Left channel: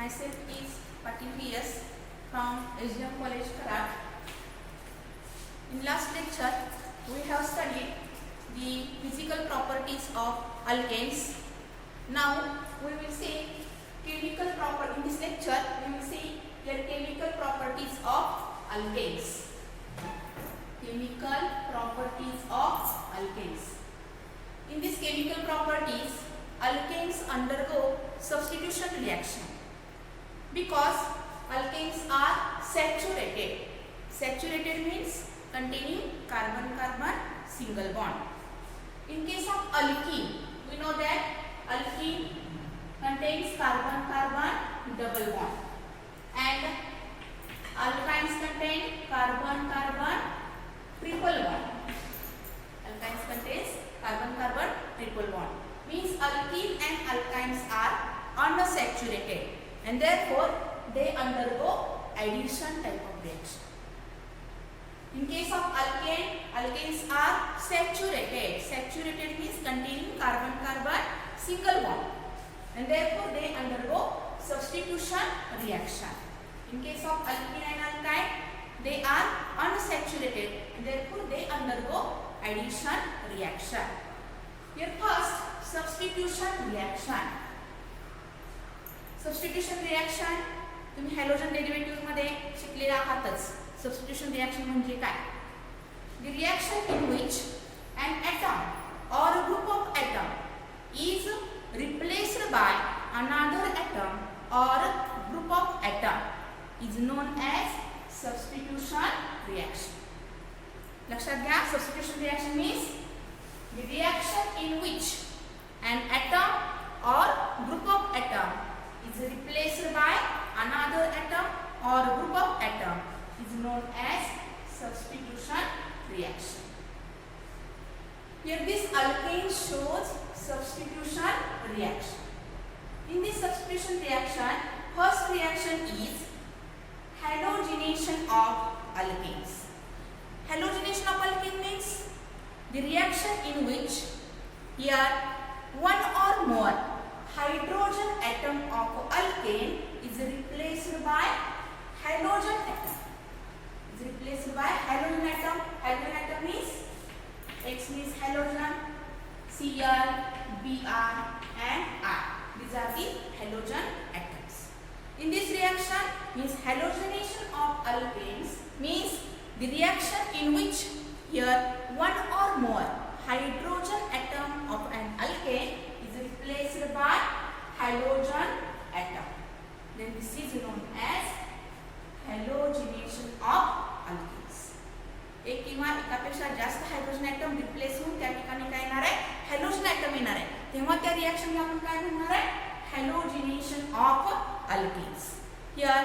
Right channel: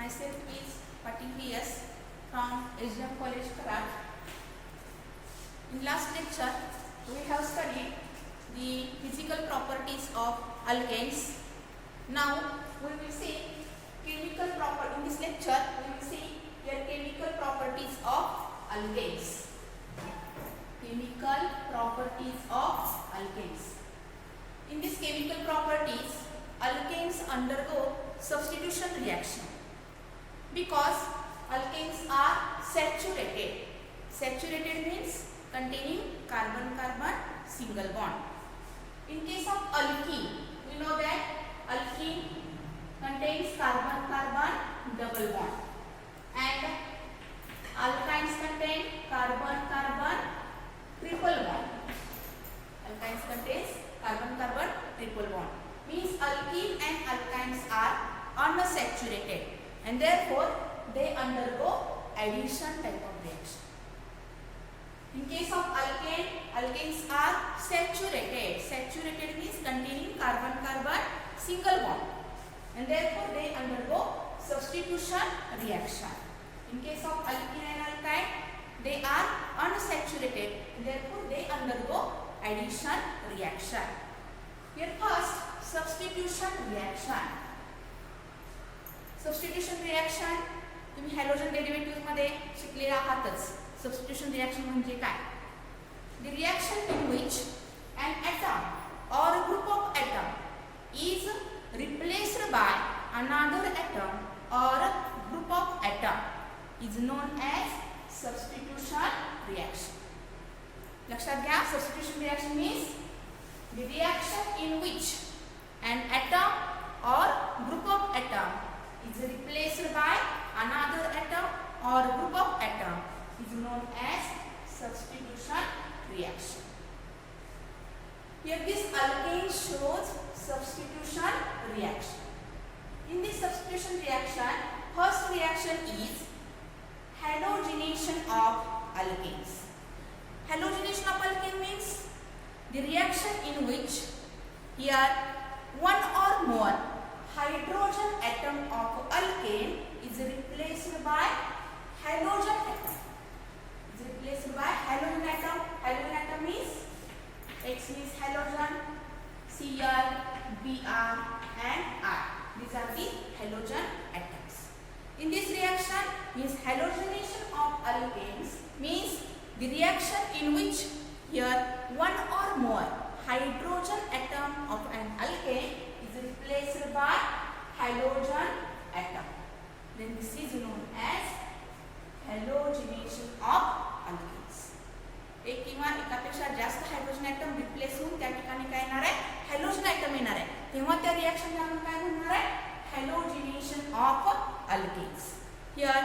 Myself is Patil V.S. from SDM College, Karad. In last lecture, we have studied the physical properties of alkanes. Now, we will see chemical properties. In this lecture, we will see the chemical properties of alkanes. Chemical properties of alkanes. In these chemical properties, alkanes undergo substitution reaction because alkanes are saturated. Saturated means containing carbon-carbon single bond. In case of alkene, we know that alkene contains carbon-carbon double bond, and alkynes contain carbon-carbon triple bond. Alkynes contains carbon-carbon triple bond. Means alkene and alkynes are unsaturated, and therefore they undergo addition type of reaction. In case of alkane, alkanes are saturated. Saturated means containing carbon-carbon single bond, and therefore they undergo substitution reaction. In case of alkene and alkyne, they are unsaturated, and therefore they undergo addition reaction. Here first, substitution reaction. Substitution reaction तुम्ही hydrogen derivative मध्ये शिकलेले आहातच. Substitution reaction म्हणजे काय? The reaction in which an atom or a group of atom is replaced by another atom or a group of atom is known as substitution reaction. लक्षात घ्या, substitution reaction means the reaction in which an atom or group of atom is replaced by another atom or group of atom is known as substitution reaction. Here this alkane shows substitution reaction. In this substitution reaction, first reaction is halogenation of alkanes. Halogenation of alkane means the reaction in which here one or more hydrogen atom of alkane is replaced by halogen atom. Is replaced by halogen atom. Halogen atom means X means halogen, Cl, Br and I. These are the halogen atoms. In this reaction means halogenation of alkanes means the reaction in which here one or more hydrogen atom of an alkane is replaced by halogen atom. Then this is known as halogenation of alkanes. एक किंवा एकापेक्षा जास्त hydrogen atom replace होऊन त्या ठिकाणी काय येणार आहे? हॅलोजन ॲटम येणार आहे. तेव्हा त्या रिएक्शनला आपण काय म्हणणार आहे? हॅलोजिनेशन of alkanes. Here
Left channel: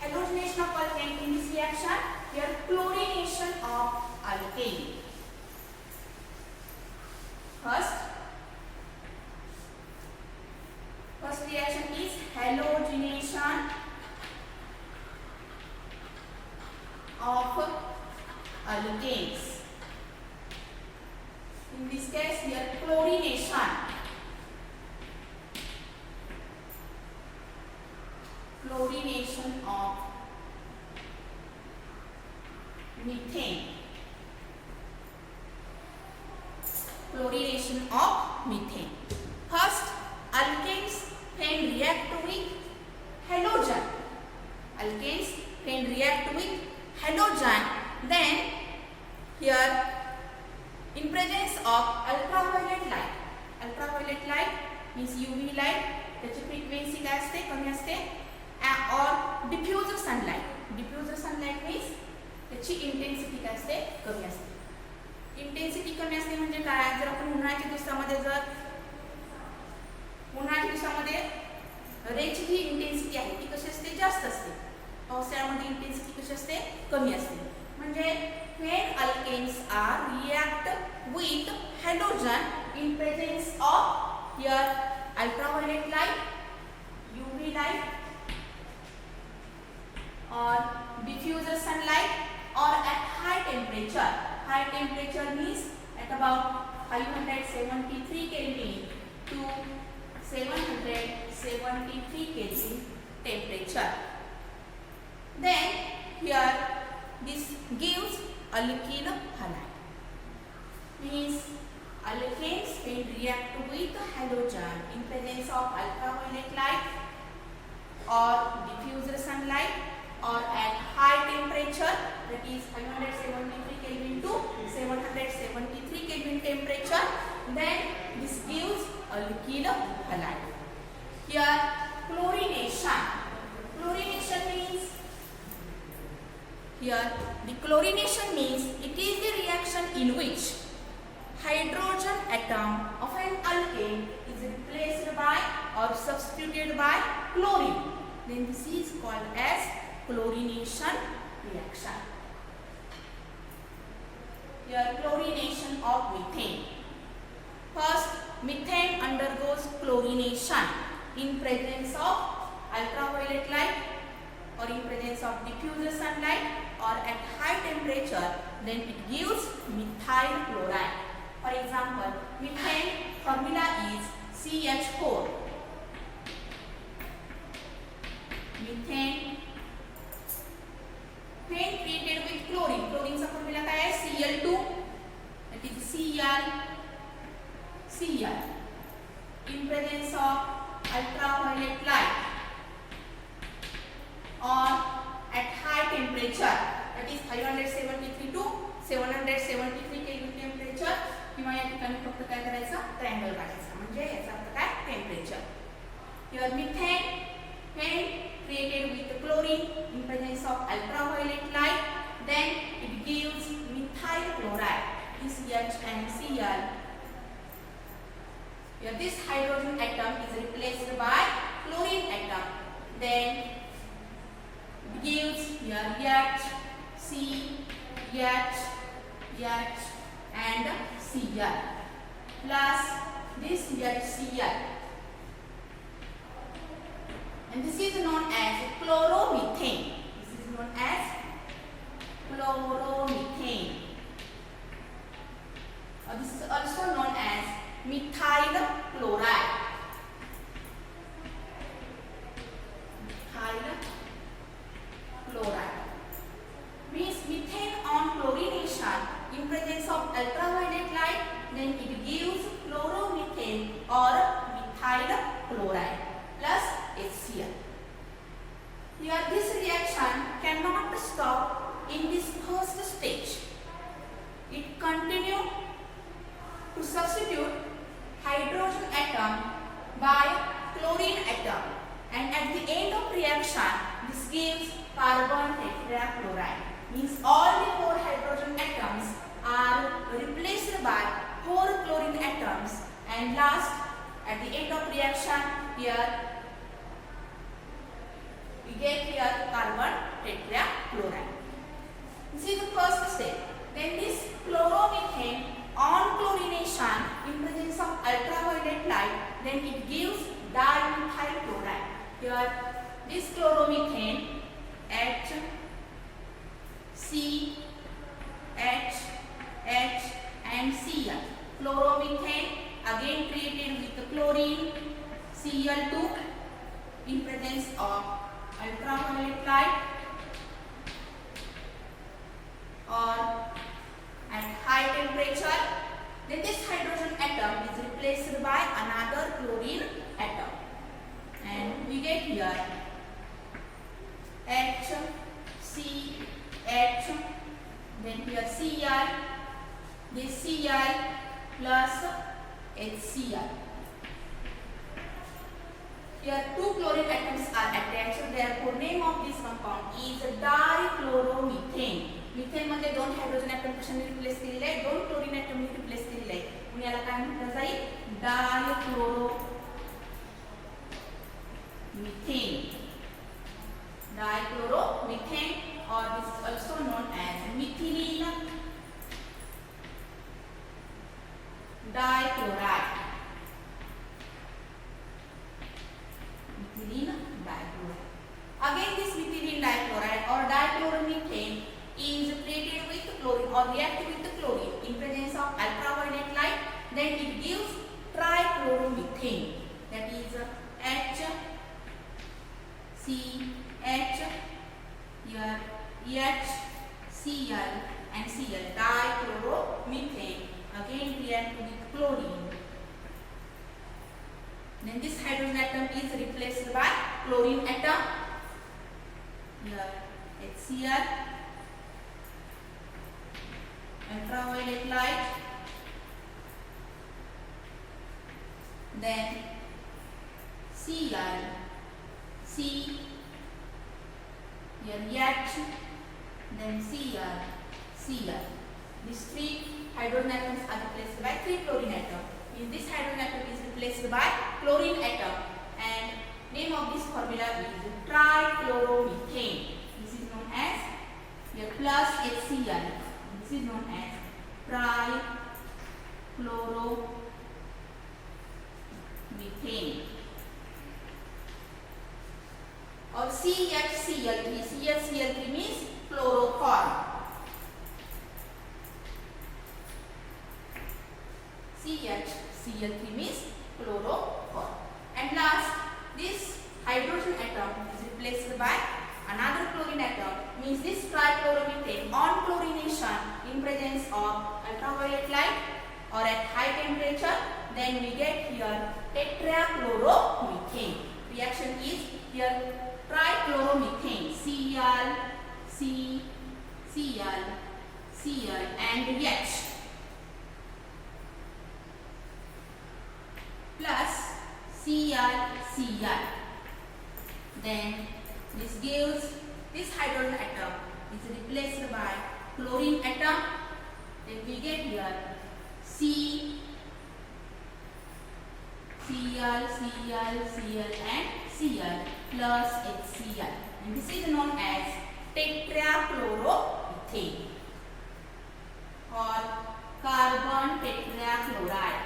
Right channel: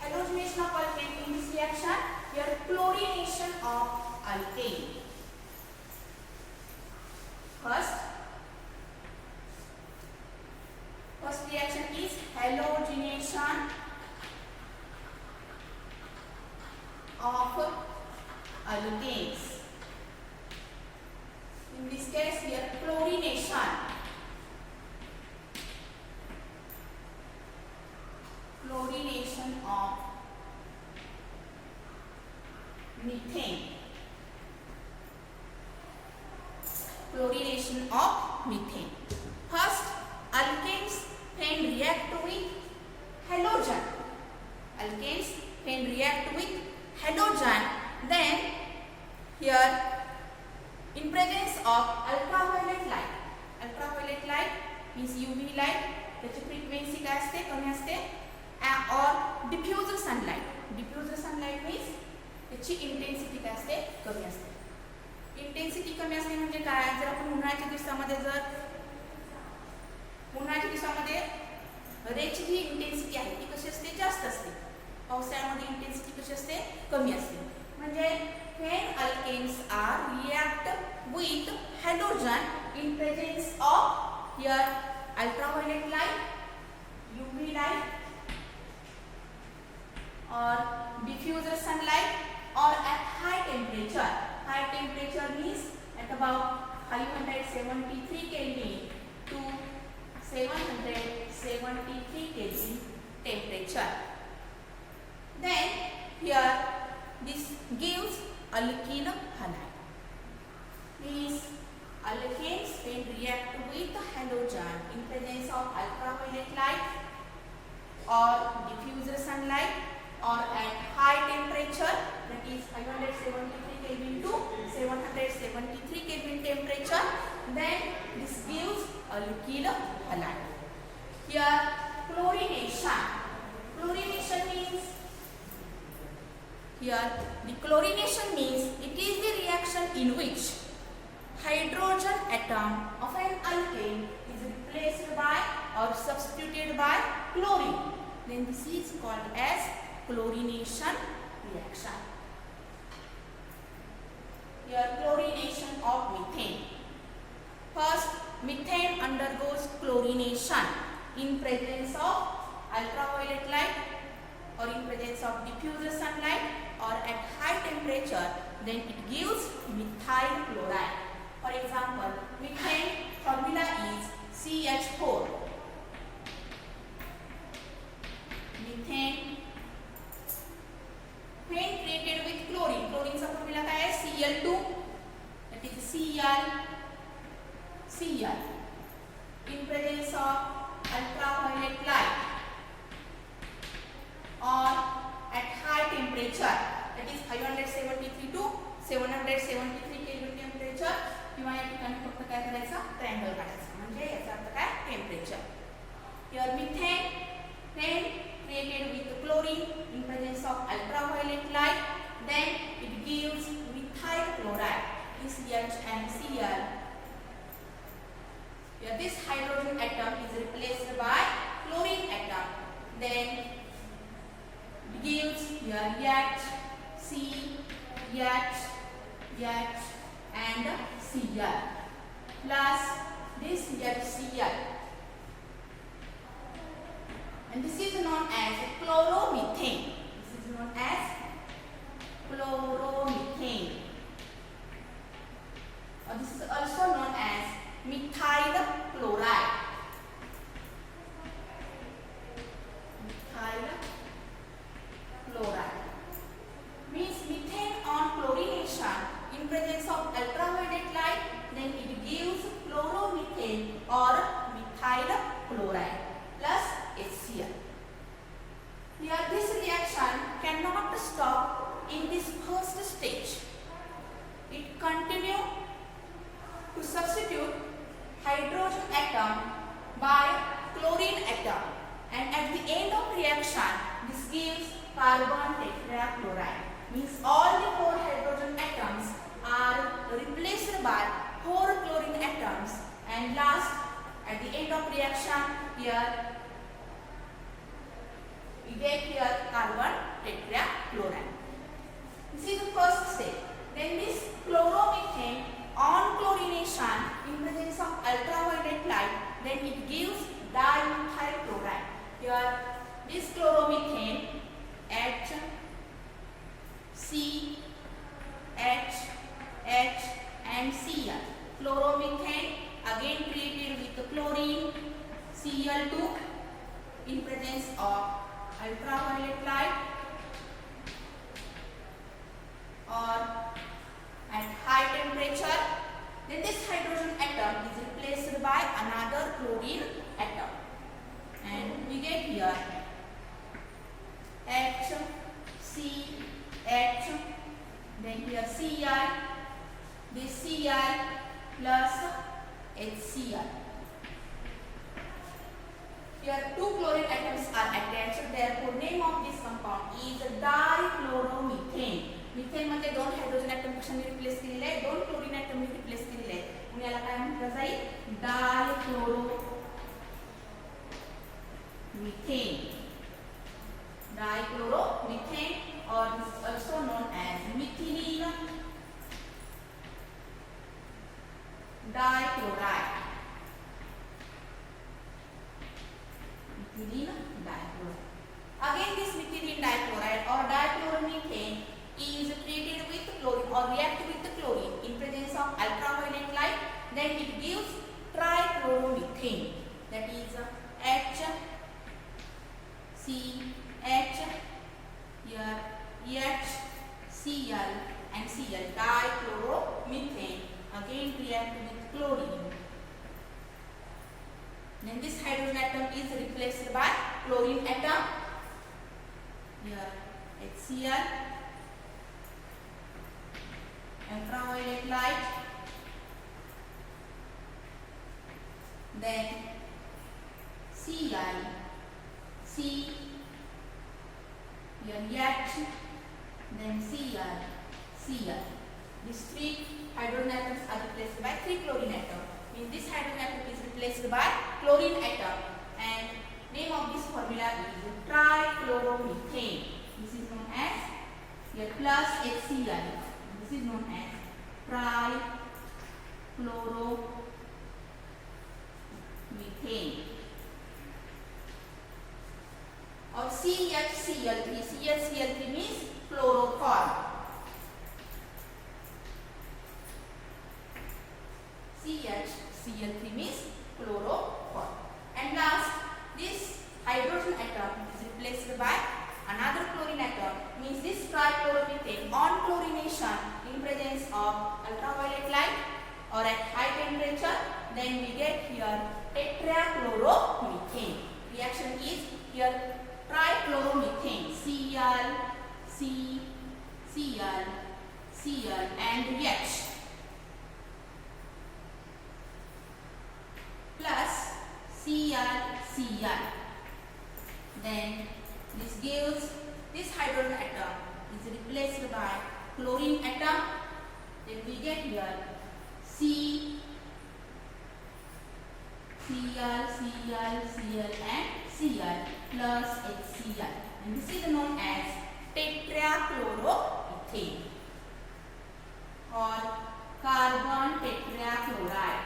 halogenation of alkane in this reaction, here chlorination of alkane. First reaction is halogenation of alkanes. In this case, here chlorination. Chlorination of methane. Chlorination of methane. First, alkanes can react with halogen. Alkanes can react with halogen. Then, here, in presence of ultraviolet light. Ultraviolet light means UV light. त्याची frequency काय असते? कमी असते. और diffuser sunlight. Diffuser sunlight means त्याची intensity काय असते? कमी असते. इंटेन्सिटी कमी असते म्हणजे काय? जर आपण उन्हाळ्याच्या दिवसामध्ये रेची जी इंटेन्सिटी आहे ती कशी असते? जास्त असते. पावसाळ्यामध्ये इंटेन्सिटी कशी असते? कमी असते. म्हणजे when alkanes are react with halogen in presence of here ultraviolet light, UV light or diffuser sunlight or at high temperature. High temperature means at about 573 Kelvin to 770 173 Kelvin temperature. Then here this gives alkyl halide. Means alkanes will react with halogen in presence of ultraviolet light or diffused sunlight or at high temperature, that is 573 Kelvin to 773 Kelvin temperature. Then this gives alkyl halide. Here chlorination. Chlorination means, here the chlorination means it is the reaction in which hydrogen atom of an alkane is replaced by or substituted by chlorine. Then this is called as chlorination reaction. Here chlorination of methane. First, methane undergoes chlorination in presence of ultraviolet light or in presence of diffused sunlight or at high temperature. Then it gives methyl chloride. For example, methane formula is CH4. Methane when treated with chlorine, chlorine का formula क्या है? Cl2, that is Cl. In presence of ultraviolet light or at high temperature, that is 573 to 773 Kelvin temperature. किंवा या ठिकाणी फक्त काय करायचं? Triangle काढायचं, म्हणजे याचा अर्थ काय? Temperature. Here methane when created with chlorine in presence of ultraviolet light, then it gives methyl chloride, CH and Cl. Here this hydrogen atom is replaced by chlorine atom. Then it gives here H, C, H and Cl plus this HCl. And this is known as chloromethane. This is known as chloromethane. This is also known as methyl chloride. Methyl chloride means methane on chlorination in presence of ultraviolet light, then it gives chloromethane or methyl chloride plus HCl. Here this reaction cannot stop in this first stage. It continues to substitute hydrogen atom by chlorine atom, and at the end of reaction this gives carbon tetrachloride. Means all the 4 hydrogen atoms are replaced by 4 chlorine atoms, and last at the end of reaction here we get here carbon tetrachloride. This is the first step. Then this chloromethane on chlorination in presence of ultraviolet light, then it gives dimethyl chloride. Here this chloromethane H, C, H and Cl. Chloromethane again treated with chlorine, Cl2 in presence of ultraviolet light or at high temperature. Then this hydrogen atom is replaced by another chlorine atom, and we get here H, C, H, then here Cl, this Cl plus HCl. Here 2 chlorine atoms are attached, therefore name of this compound is dichloromethane. Methane मध्ये 2 hydrogen atom कशाने replace केलेले आहे? 2 chlorine ॲटमने replace केलेले आहे, म्हणून याला काय म्हटलं जाईल? dichloromethane or this is also known as methylene dichloride. Methylene dichloride. Again this methylene dichloride or dichloromethane is treated with chlorine or react with the chlorine in presence of ultraviolet light, then it gives trichloromethane. that is HCl, here HCl and Cl, dichloromethane, again react with chlorine. Then this hydrogen atom is replaced by chlorine atom. Here HCl, ultraviolet light, then Cl, here H, then Cl. These three hydrogen atoms are replaced by three chlorine atoms. This hydrogen atom is replaced by chlorine atom, and name of this formula is trichloromethane. This is known as here plus HCl. This is known as trichloromethane. Or CHCl3. CHCl3 means chloroform. CHCl3 means chloroform. And last, this hydrogen atom is replaced by another chlorine atom, means this trichloromethane on chlorination in presence of ultraviolet light or at high temperature, then we get here tetrachloromethane. Reaction is here trichloromethane, Cl and H plus Cl. Then this gives this hydrogen atom is replaced by chlorine atom. Then we get here Cl and Cl plus HCl, and this is known as tetrachloromethane or carbon tetrachloride.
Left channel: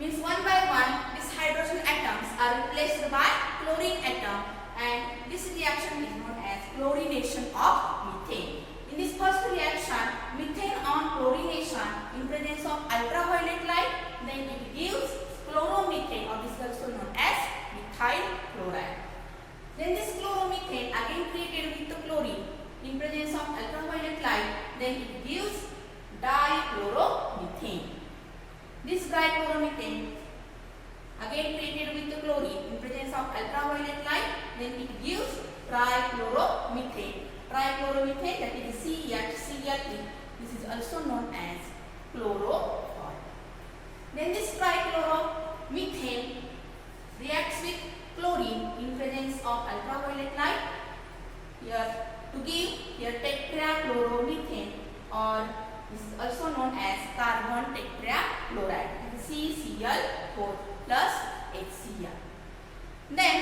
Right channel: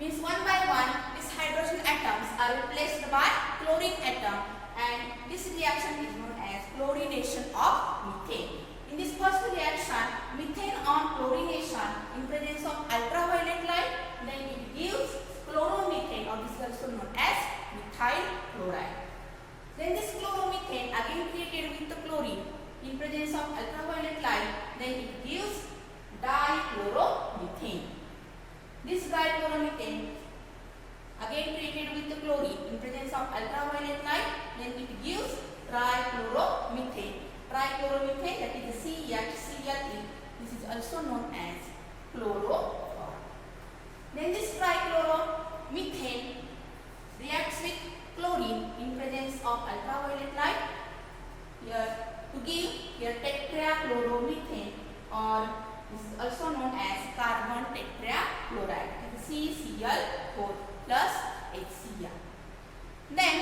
Means one by one these hydrogen atoms are replaced by chlorine atom, and this reaction is known as chlorination of methane. In this first reaction, methane on chlorination in presence of ultraviolet light, then it gives chloromethane, or this is also known as methyl chloride. Then this chloromethane again created with the chlorine in presence of ultraviolet light, then it gives dichloromethane. This dichloromethane again treated with the chlorine in presence of ultraviolet light, then it gives trichloromethane. Trichloromethane, that is CHCl3. This is also known as chloroform. Then this trichloromethane reacts with chlorine in presence of ultraviolet light here to give here tetrachloromethane, or this is also known as carbon tetrachloride. It is CCl4 plus HCl. Then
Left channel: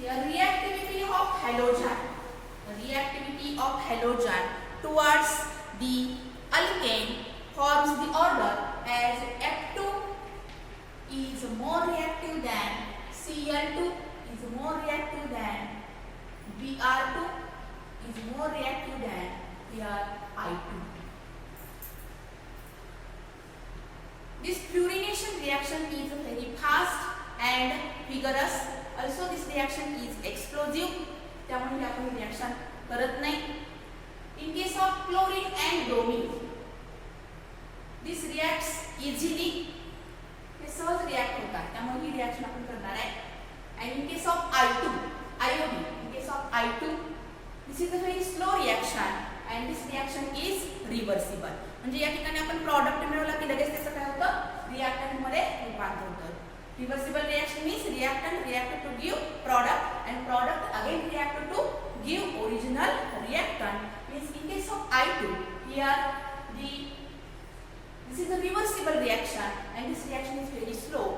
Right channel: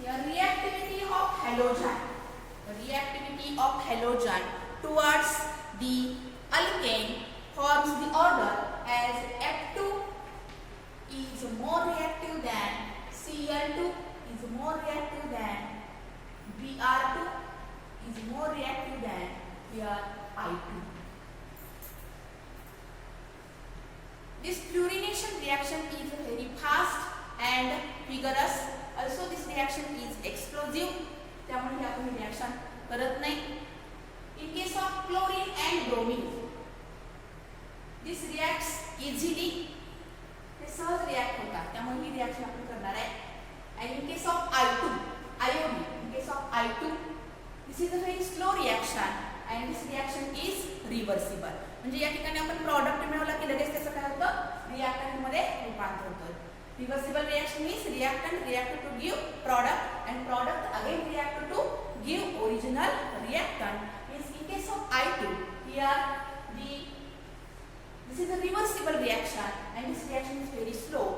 the reactivity of halogen towards the alkane forms the order as F2 is more reactive than Cl2 is more reactive than Br2 is more reactive than here I2. This fluorination reaction is very fast and vigorous. Also this reaction is explosive, त्यामुळे आपण reaction करत नाही. In case of chlorine and bromine, this reacts easily. हे सहज react होतात, त्यामुळे ही reaction आपण करणार आहे. And in case of iodine, in case of I2, this is a very slow reaction and this reaction is reversible. म्हणजे या ठिकाणी आपण प्रॉडक्ट मिळवला की लगेच त्याचं काय होतं, रिएक्टंट मध्ये रूपांतर होतं. Reversible reaction means reactant reacted to give product and product again reacted to give original reactant. Means in case of I2, here this is a reversible reaction and this reaction is very slow.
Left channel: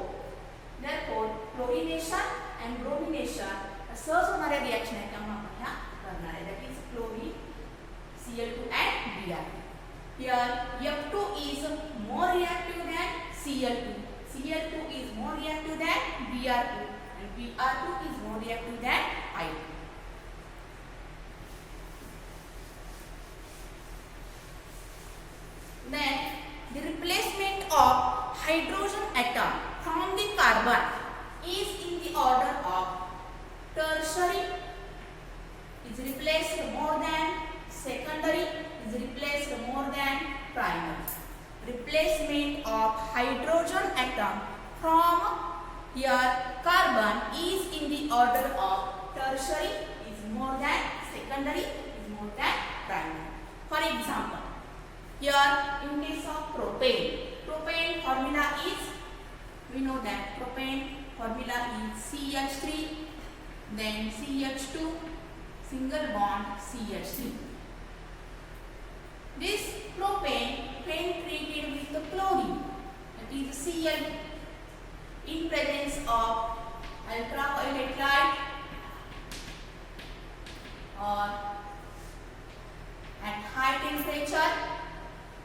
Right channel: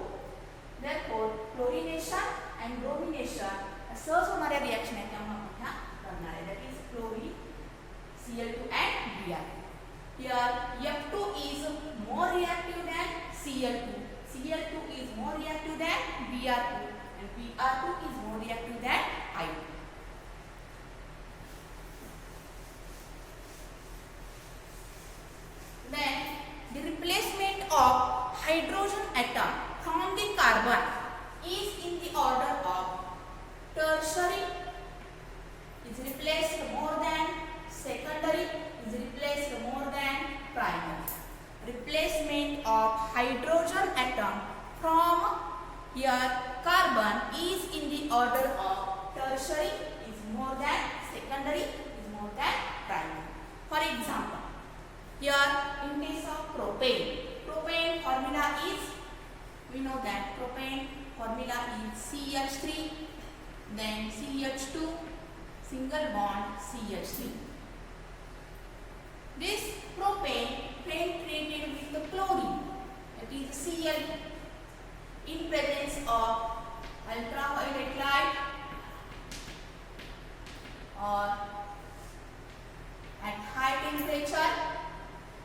Therefore, chlorination and bromination सहज होणाऱ्या reaction आहेत, त्यामुळे आपण ह्या करणार आहे. That is chlorine, Cl2 and Br. Here F2 is more reactive than Cl2 Cl2 is more reactive than Br2 and Br2 is more reactive than I2. Then the replacement of hydrogen atom from the carbon is in the order of tertiary is replaced more than secondary is replaced more than primary. Replacement of hydrogen atom from here carbon is in the order of tertiary is more than secondary is more than primary. For example, here in case of propane, propane formula is, we know that propane formula is CH3 then CH2 single bond CH3. This propane when treated with the chlorine, that is Cl, in presence of ultraviolet light or at high temperature,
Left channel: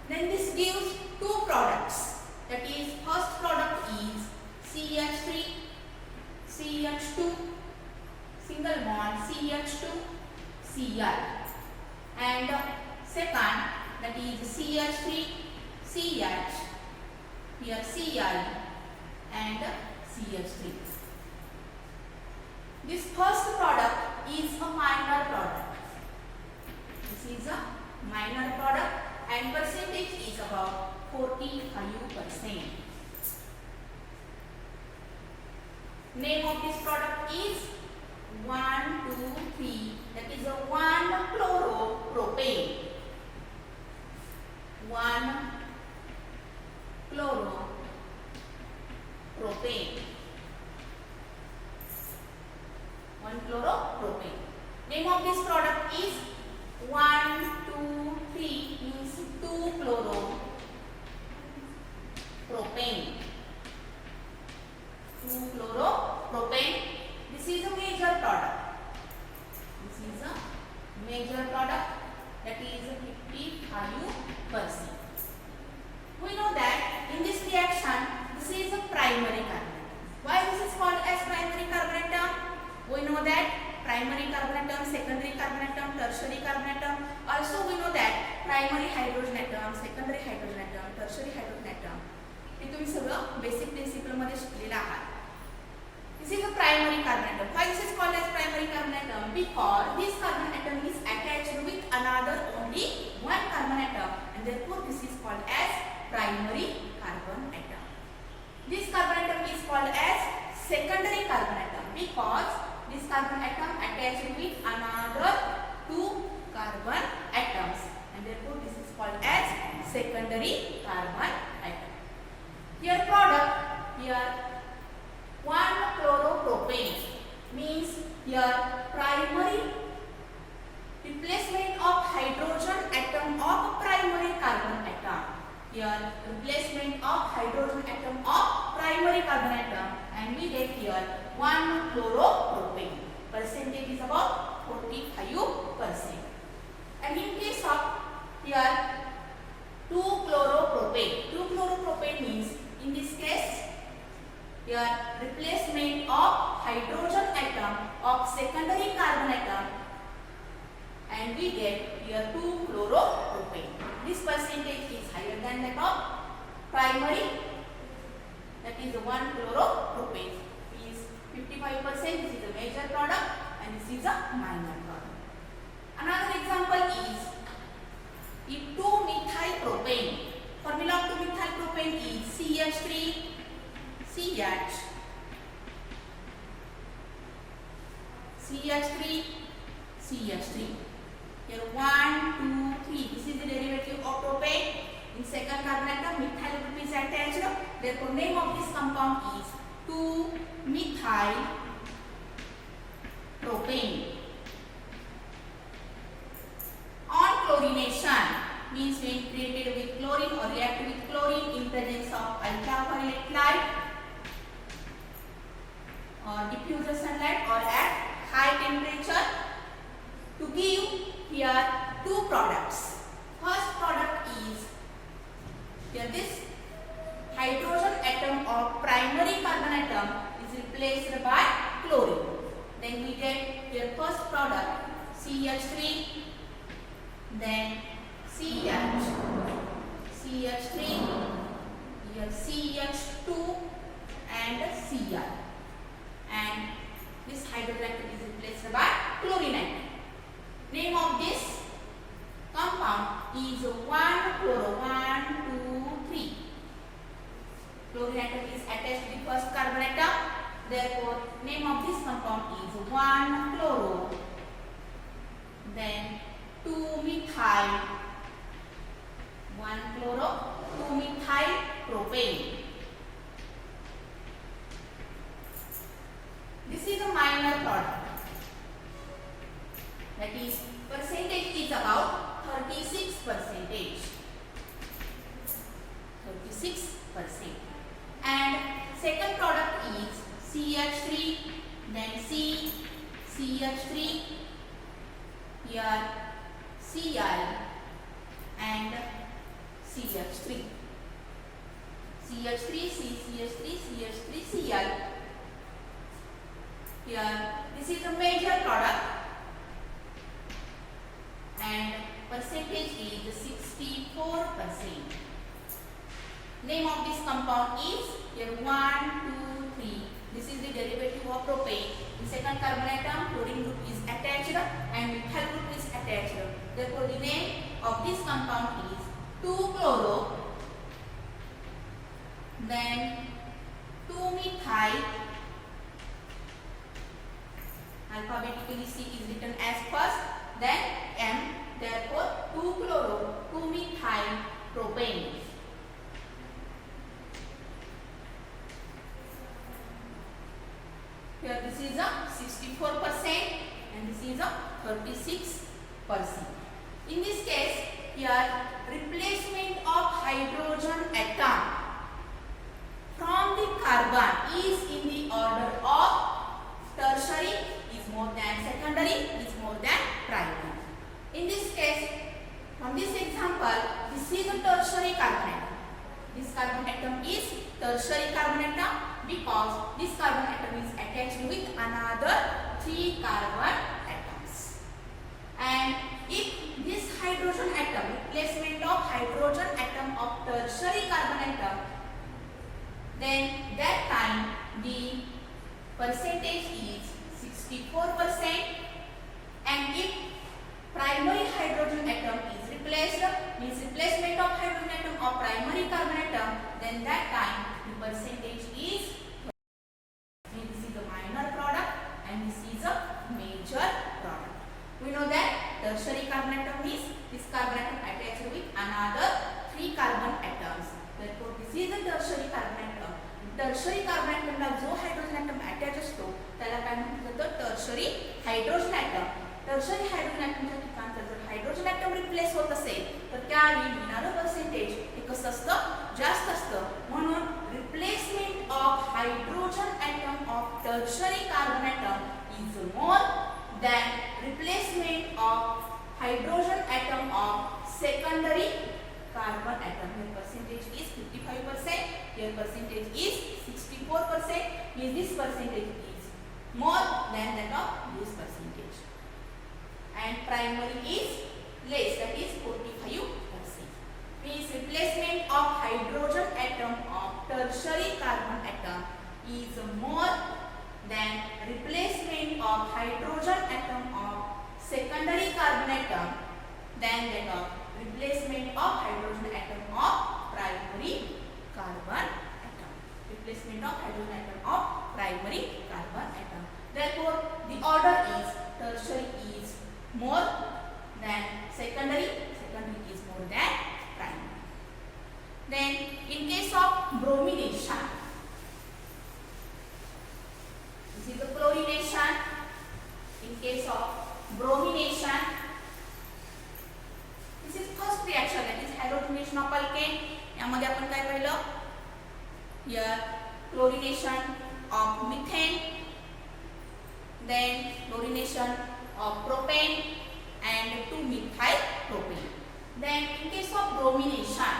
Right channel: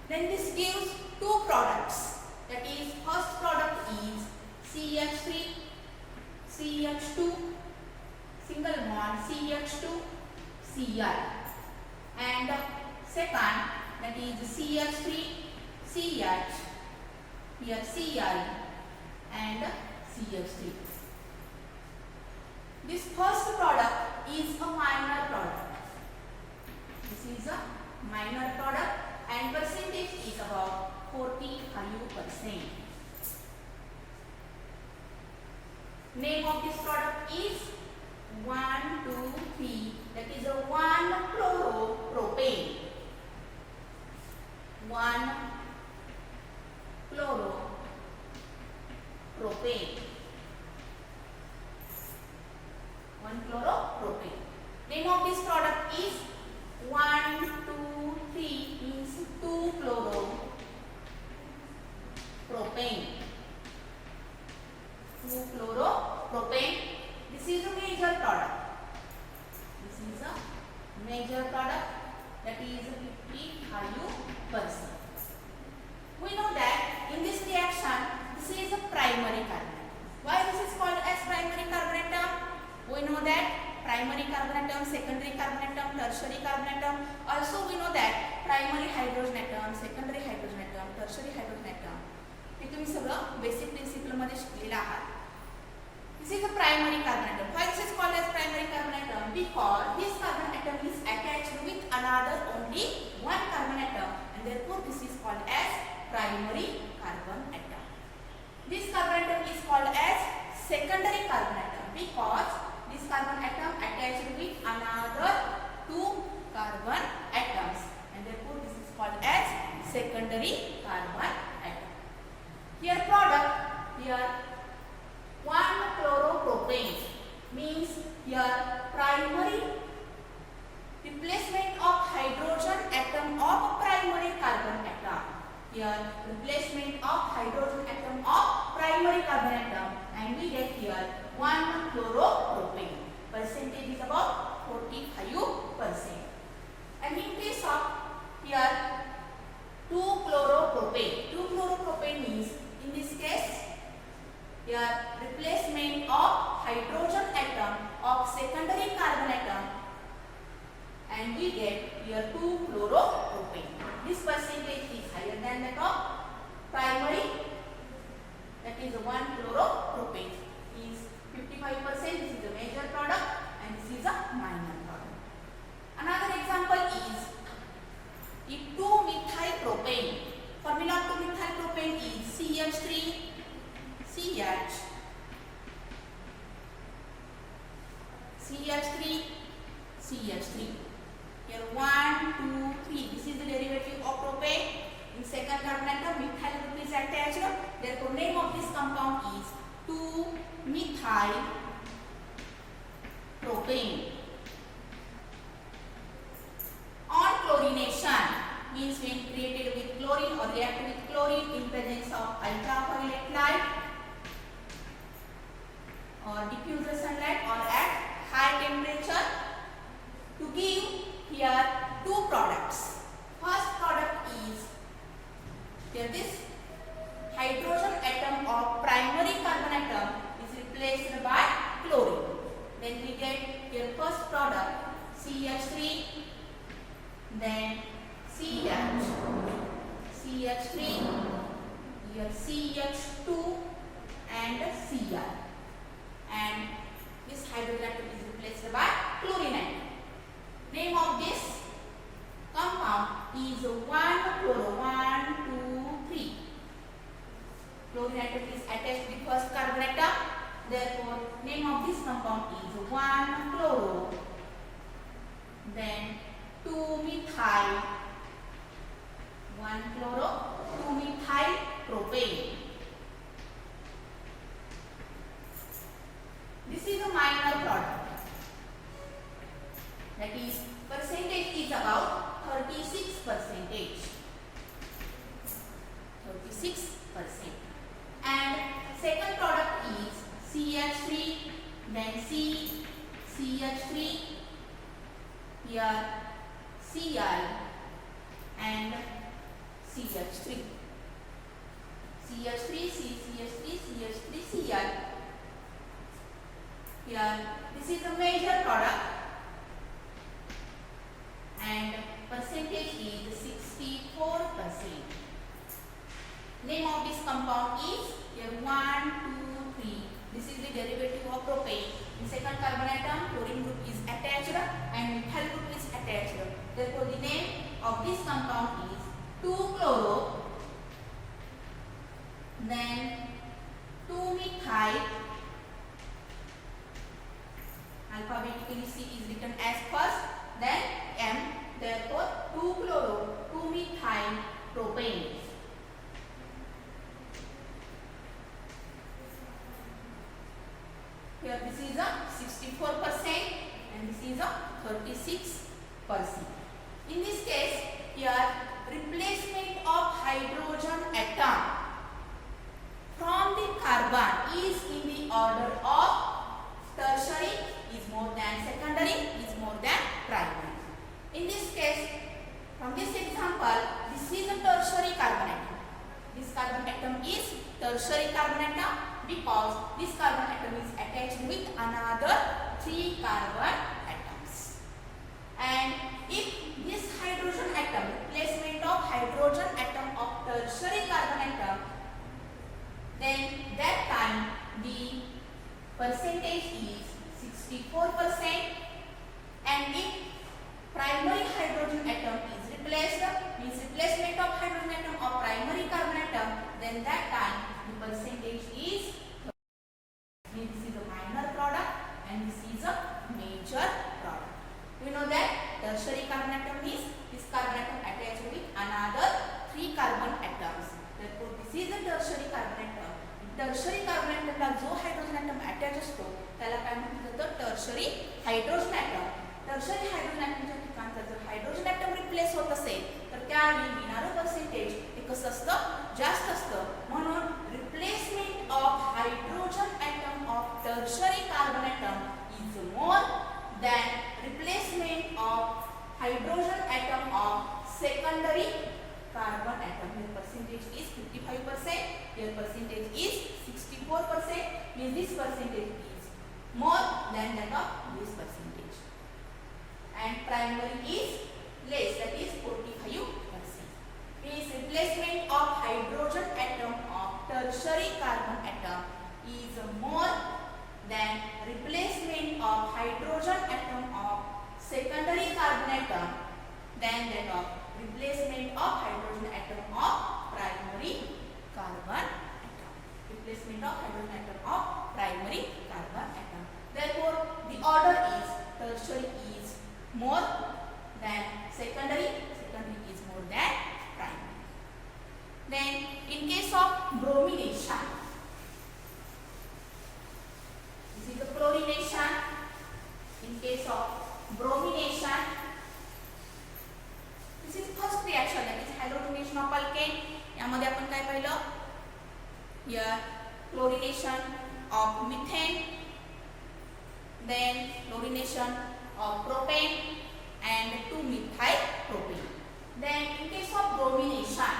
then this gives two products. That is, first product is CH3 CH2 single bond CH2 Cl, and second, that is CH3 CH, here Cl and CH3. This first product is a minor product. This is a minor product and percentage is about 45%. Name of this product is 1,2,3, that is a 1-chloropropane. 1-chloropropane. 1-chloropropane. Name of this product is 1,2,3 means 2-chloropropane. 2-chloropropane. This is a major product. This is a major product, that is 55%. We know that in this reaction, this is a primary carbon atom. Why this is called as primary carbon atom? We know that primary carbon atom, secondary carbon atom, tertiary carbon atom. Also we know that primary hydrogen atom, secondary hydrogen atom, tertiary hydrogen atom. हे तुम्ही सगळं basic principle मध्ये शिकलेलं आहात. This is a primary carbon atom. Why this is called as primary carbon atom? Because this carbon atom is attached with another only one carbon atom, and therefore this is called as primary carbon atom. This carbon atom is called as secondary carbon atom because this carbon atom attached with another two carbon atoms, and therefore this is called as secondary carbon atom. Here product, here 1-chloropropane means here primary replacement of hydrogen atom of primary carbon atom. Here replacement of hydrogen atom of primary carbon atom, and we get here 1-chloropropane. Percentage is about 45%. And in case of here 2-chloropropane. 2-chloropropane means in this case here replacement of hydrogen atom of secondary carbon atom, and we get here 2-chloropropane. This percentage is higher than that of primary, that is 1-chloropropane is 55%. This is a major product and this is a minor product. Another example is 2-methylpropane. Formula of 2-methylpropane is CH3 CH, CH3 CH3. Here 1, 2, 3. This is the derivative of propane. In second carbon atom, methyl group is attached. Therefore, name of this compound is 2-methylpropane. On chlorination means when created with chlorine or reacted with chlorine in presence of ultraviolet light or diffuse sunlight or at high temperature to give here two products. First product is here this hydrogen atom of replaced by chlorine. Then we get your first product CH3, then CH, CH3, here CH2 and Cl, and this hydrogen atom is replaced by chlorine atom. Name of this compound is 1-chloro, 1, 2, 3. Chlorine atom is attached to the first carbon atom. Therefore, name of this compound is 1-chloro, then 2-methyl, 1-chloro, 2-methyl propane. This is a minor product. That is, percentage is about 36%. 36%. And second product is CH3, then CH3, here Cl and CH3. CH3, CH3, CH3, Cl. Here, this is a major product and percentage is 64%. Name of this compound is here 1, 2, 3. This is the derivative of propane. In second carbon atom, chlorine group is attached and methyl group is attached. Therefore, the name of this compound is 2-chloro, then 2-methyl. Alphabetically C is written as first, then M. Therefore, 2-chloro, 2-methyl propane. Here this is a 64% and this is a 36%. In this case, here replacement of hydrogen atom from the carbon is in the order of tertiary is more than secondary is more than primary. In this case, from this example, this is a tertiary carbon atom. This carbon atom is tertiary carbon atom because this carbon atom is attached with another 3 carbon atoms. And if this hydrogen atom, replacement of hydrogen atom of tertiary carbon atom, then that time the percentage is 64%, and if primary hydrogen atom is replaced, means replacement of hydrogen atom of primary carbon atom, then that time the percentage is 30. This is a minor product and this is a major product. We know that tertiary carbon atom is this carbon atom attached with another 3 carbon atoms. Therefore, this is a tertiary carbon atom. Tertiary carbon ॲटमला जो hydrogen atom attach असतो त्याला काय म्हटलं जातं tertiary hydrogen atom. Tertiary hydrogen ॲटमच्या ठिकाणचं जर हायड्रोजन ॲटम रिप्लेस होत असेल तर त्यावेळी मिळणारं पर्सेंटेज हे कसं असतं जास्त असतं. म्हणून replacement of hydrogen atom of tertiary carbon atom is more than replacement of hydrogen atom of secondary carbon atom. Here percentage is 55%, here percentage is 64%, means this percentage is more than that of this percentage. And primary is less, that is 45%. Means replacement of hydrogen atom of tertiary carbon atom is more than replacement of hydrogen atom of secondary carbon atom than that of replacement of hydrogen atom of primary carbon atom. Replacement of hydrogen atom of primary carbon atom. Therefore, the order is tertiary is more than secondary, secondary is more than primary. Then, in case of bromination, this is the chlorination. In case of bromination, this is first reaction, that is halogenation of alkane. यामध्ये आपण काय पाहिलं? Here chlorination of methane, then chlorination of propane and 2-methyl propane. Then in case of bromination,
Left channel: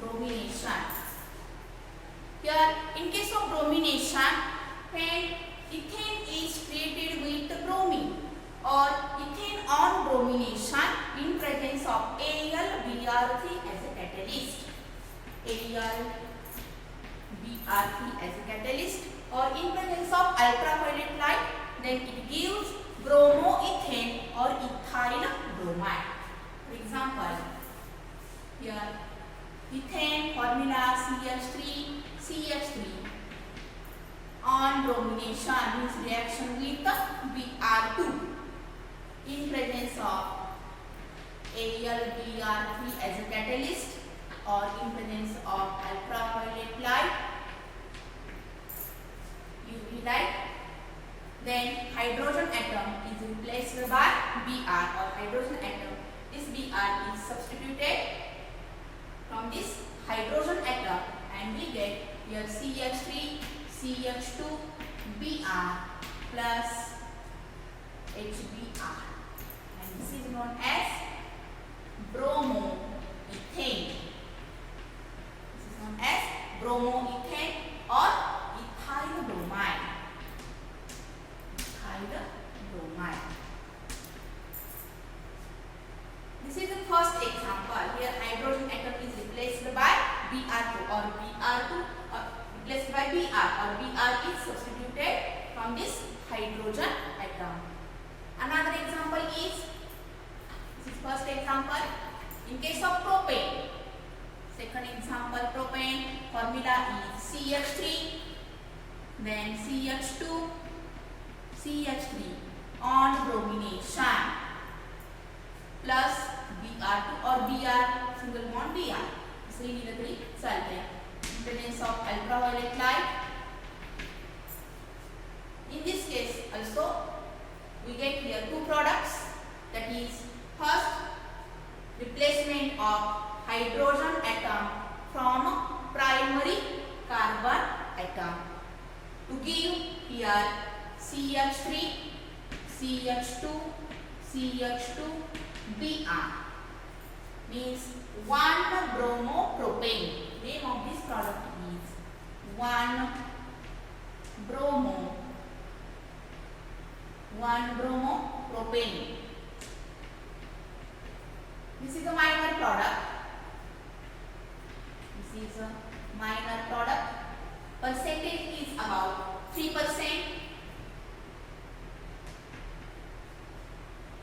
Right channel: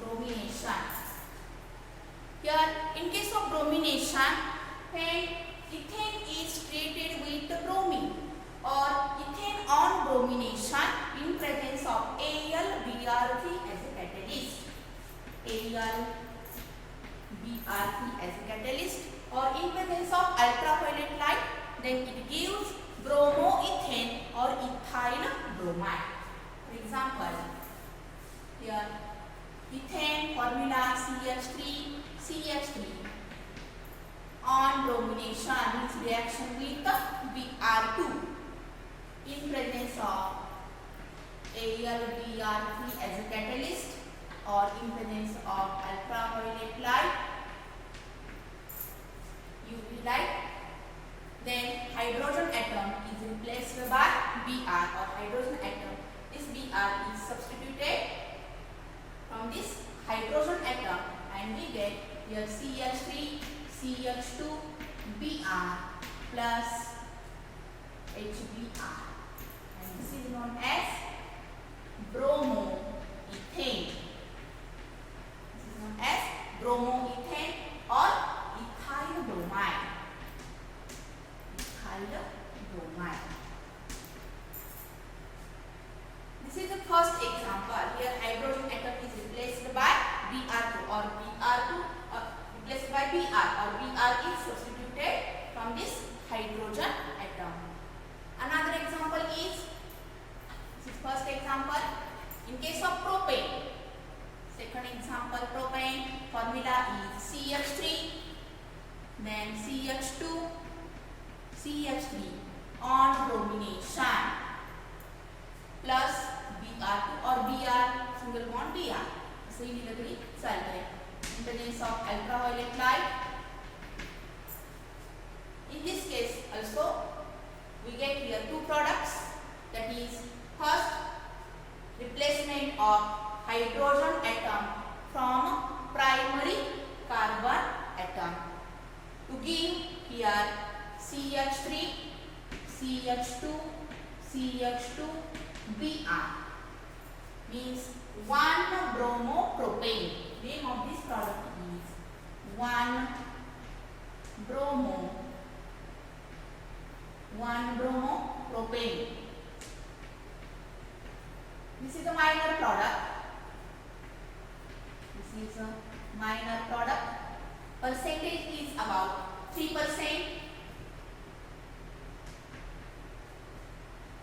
bromination. Here, in case of bromination, when ethane is created with bromine or ethane on bromination in presence of AlBr3 as a catalyst. AlBr3 as a catalyst, or in presence of ultraviolet light, then it gives bromoethane or ethyl bromide. For example, here ethane formula CH3 on bromination means reaction with Br2 in presence of AlBr3 as a catalyst or in presence of ultraviolet light, UV light, then hydrogen atom is replaced by Br, or hydrogen atom, this Br is substituted from this hydrogen atom and we get here CH3 CH2 Br plus HBr, and this is known as bromoethane. This is known as bromoethane or ethyl bromide. This is the first example. Here hydrogen atom is replaced by Br2 or replaced by Br, or Br is substituted from this hydrogen atom. Another example is, this is first example, in case of propane. Second example, propane formula is CH3, then CH2, CH3 on bromination plus Br2 or Br single bond Br. इसे ही लकड़ी चलते हैं. In presence of ultraviolet light. In this case also we get here two products, that is first replacement of hydrogen atom from primary carbon atom to give here CH3 CH2 CH2 Br means 1 bromopropane. Name of this product is 1 bromopropane. This is a minor product. This is a minor product. Percentage is about 3%.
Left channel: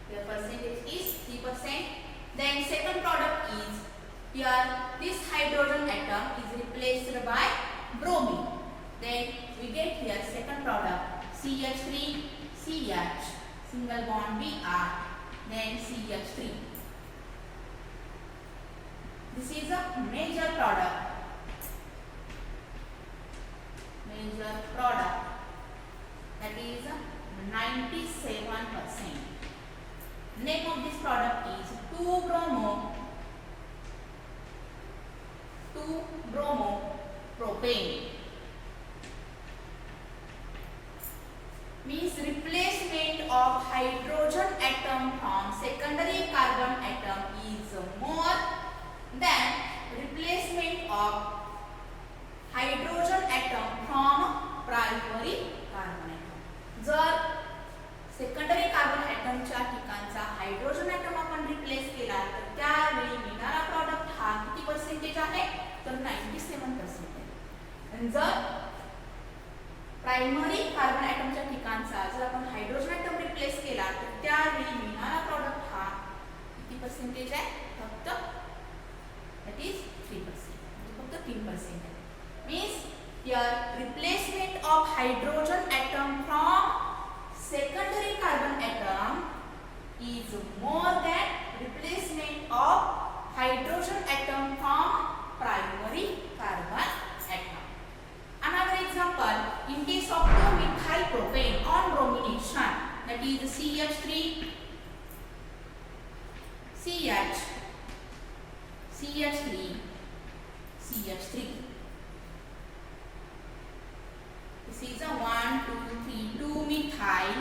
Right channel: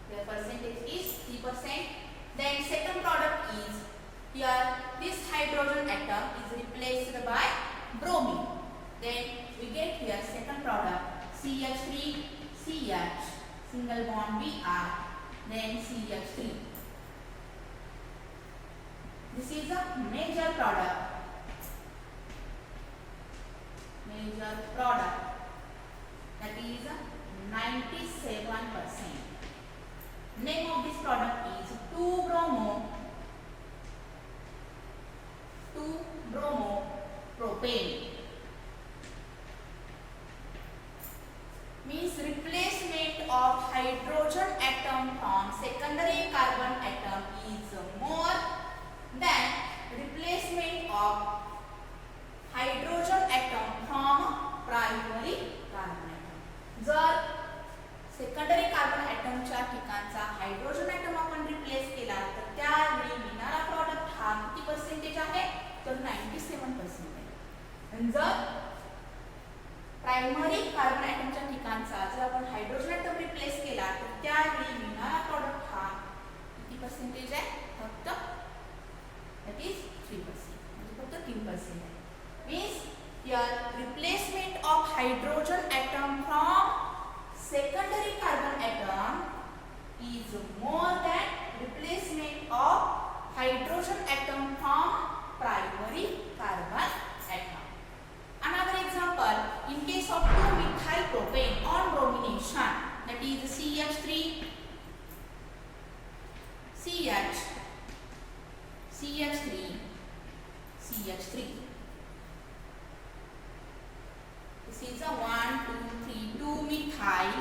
The percentage is 3%. Then second product is, here this hydrogen atom is replaced by bromine. Then we get here second product CH3 CH single bond Br, then CH3. This is a major product. That is 97%. Name of this product is 2-bromopropane. Means replacement of hydrogen atom from secondary carbon atom is more than replacement of hydrogen atom from primary carbon atom. जर secondary carbon ॲटमच्या ठिकाणचा hydrogen atom आपण replace केला तर त्यावेळी मिळणारा product हा किती percentage आहे, तर 97% आहे. आणि जर प्रायमरी कार्बन ॲटमच्या ठिकाणचा जर आपण हायड्रोजन ॲटम रिप्लेस केला तर त्यावेळी मिळणारा प्रॉडक्ट हा किती पर्सेंटेज आहे, फक्त दॅट इज 3%, म्हणजे फक्त 3% आहे. Means here replacement of hydrogen atom from secondary carbon atom is more than replacement of hydrogen atom from primary carbon atom. Another example, in case of 2-methyl propane on bromination, that is CH3 CH CH3 CH3. This is a 1 2 3 2-methyl.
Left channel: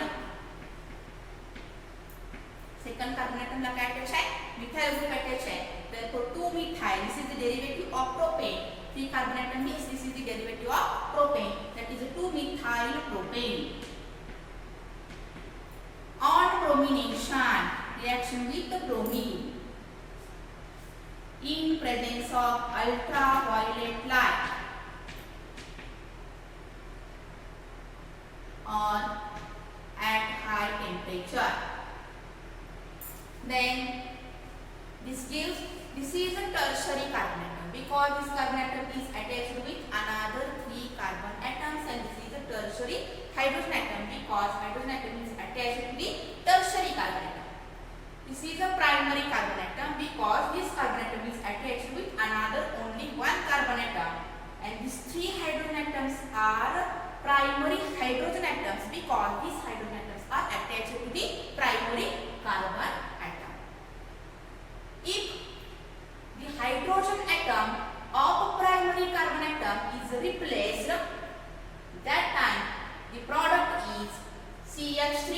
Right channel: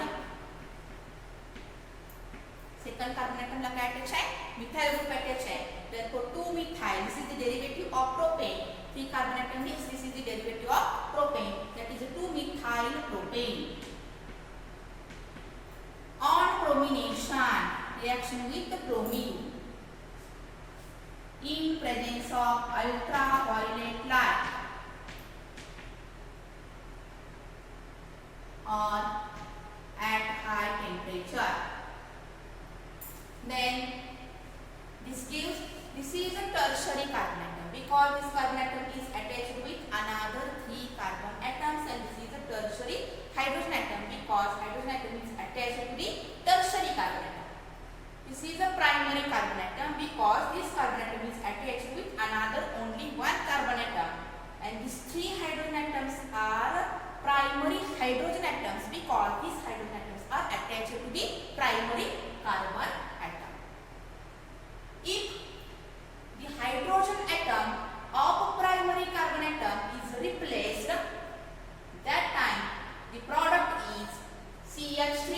Second carbon atom ला काय attach आहे, methyl group attach आहे. Therefore 2-methyl, this is the derivative of propane. 3 carbon atom means this is the derivative of propane, that is 2-methyl propane. On bromination, reaction with bromine in presence of ultraviolet light or at high temperature. Then this is a tertiary carbon atom because this carbon atom is attached with another 3 carbon atoms, and this is a tertiary hydrogen atom because hydrogen atom is attached to the tertiary carbon atom. This is a primary carbon atom because this carbon atom is attached with another only 1 carbon atom, and these 3 hydrogen atoms are primary hydrogen atoms because these hydrogen atoms are attached to the primary carbon atom. If the hydrogen atom of primary carbon atom is replaced, that time the product is CH3,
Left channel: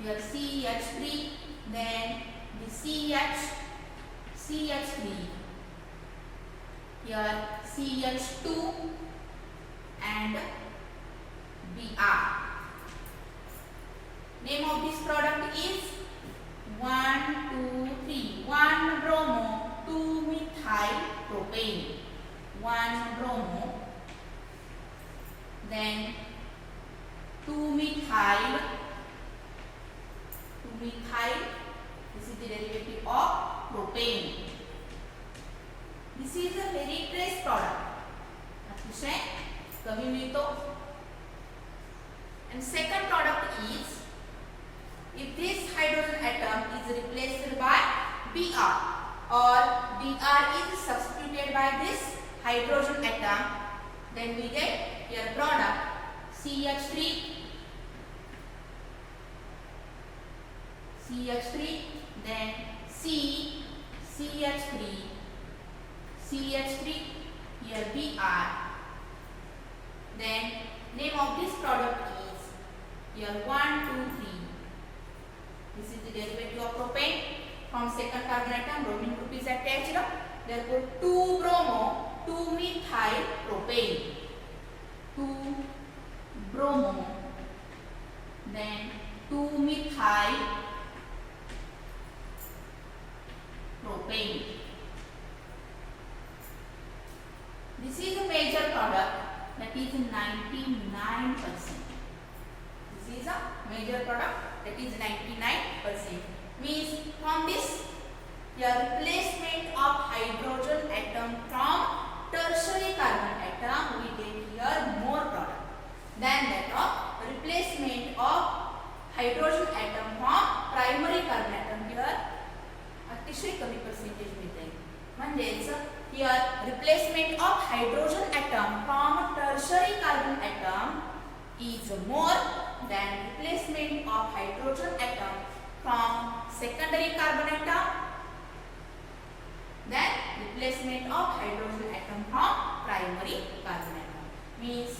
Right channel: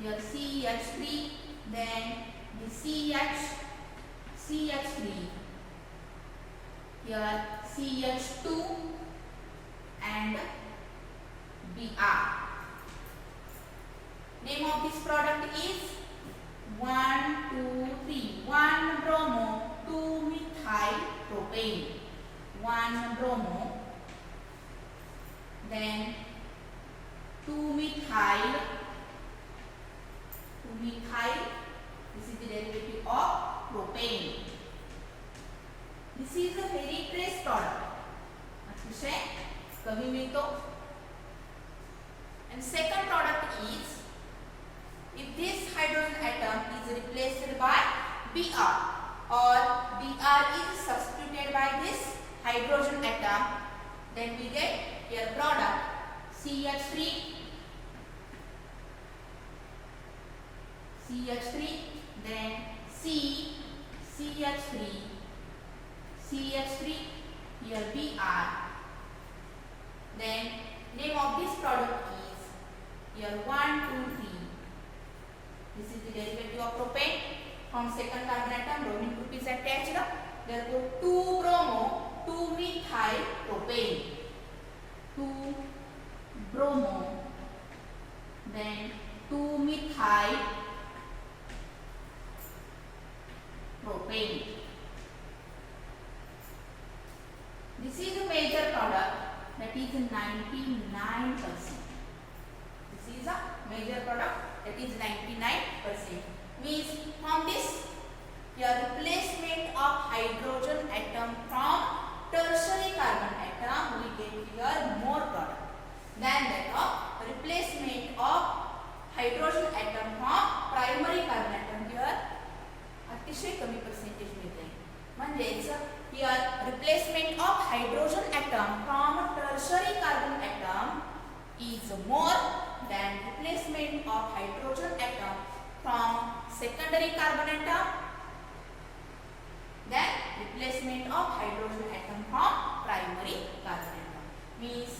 here CH3, then the CH3, here CH2 and Br. Name of this product is 1, 2, 3. 1 bromo 2 methyl propane. 1 bromo, then 2 methyl. This is the derivative of propane. This is a very trace product. अतिशय कमी मिळतो. And second product is, if this hydrogen atom is replaced by Br or Br is substituted by this hydrogen atom, then we get here product CH3, then CH3, here Br. Then name of this product is here 1, 2, 3. This is the derivative of propane. From second carbon atom, bromine group is attached. Therefore, 2 bromo 2 methyl propane. 2 bromo, then 2 methyl propane. This is a major product, that is 99%. This is a major product, that is 99%. Means from this, your replacement of hydrogen atom from tertiary carbon atom, we get here more product than that of replacement of hydrogen atom from primary carbon atom. Here अतिशय कमी percentage मिळते. म्हणजेच here replacement of hydrogen atom from tertiary carbon atom is more than replacement of hydrogen atom from secondary carbon atom, then replacement of hydrogen atom from primary carbon atom. Means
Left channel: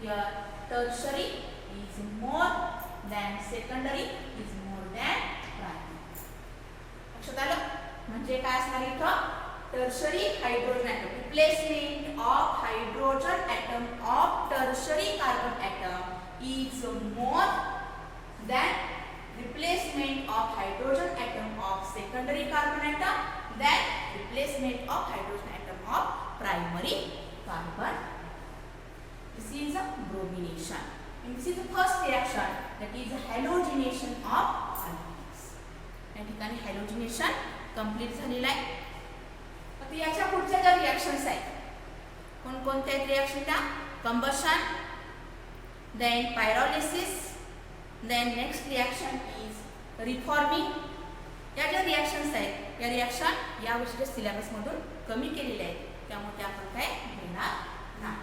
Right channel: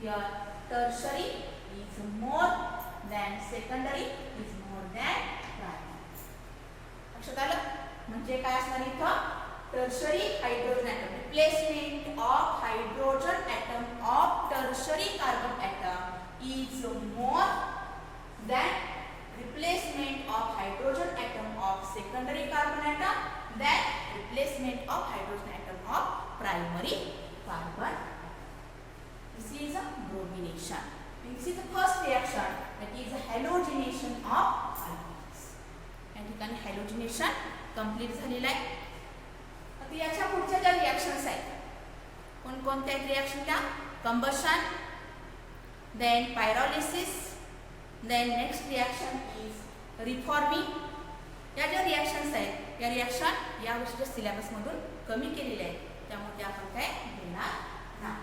here tertiary is more than secondary is more than primary. लक्षात आलं? म्हणजे काय असणार इथं? tertiary hydrogen atom, replacement of hydrogen atom of tertiary carbon atom is more than replacement of hydrogen atom of secondary carbon atom, than replacement of hydrogen atom of primary carbon. This is a bromination. This is the first reaction, that is halogenation of alkenes. या ठिकाणी halogenation complete झालेलं आहे. आता याच्या पुढच्या ज्या reactions आहेत, कोणकोणत्या आहेत रिएक्शन? त्या combustion, then pyrolysis, then next reaction is reforming. या ज्या रिएक्शन्स आहेत, या रिएक्शन या वर्षीच्या सिलेबस मधून कमी केलेल्या आहेत, त्यामुळे ते आपण काय घेणार नाही.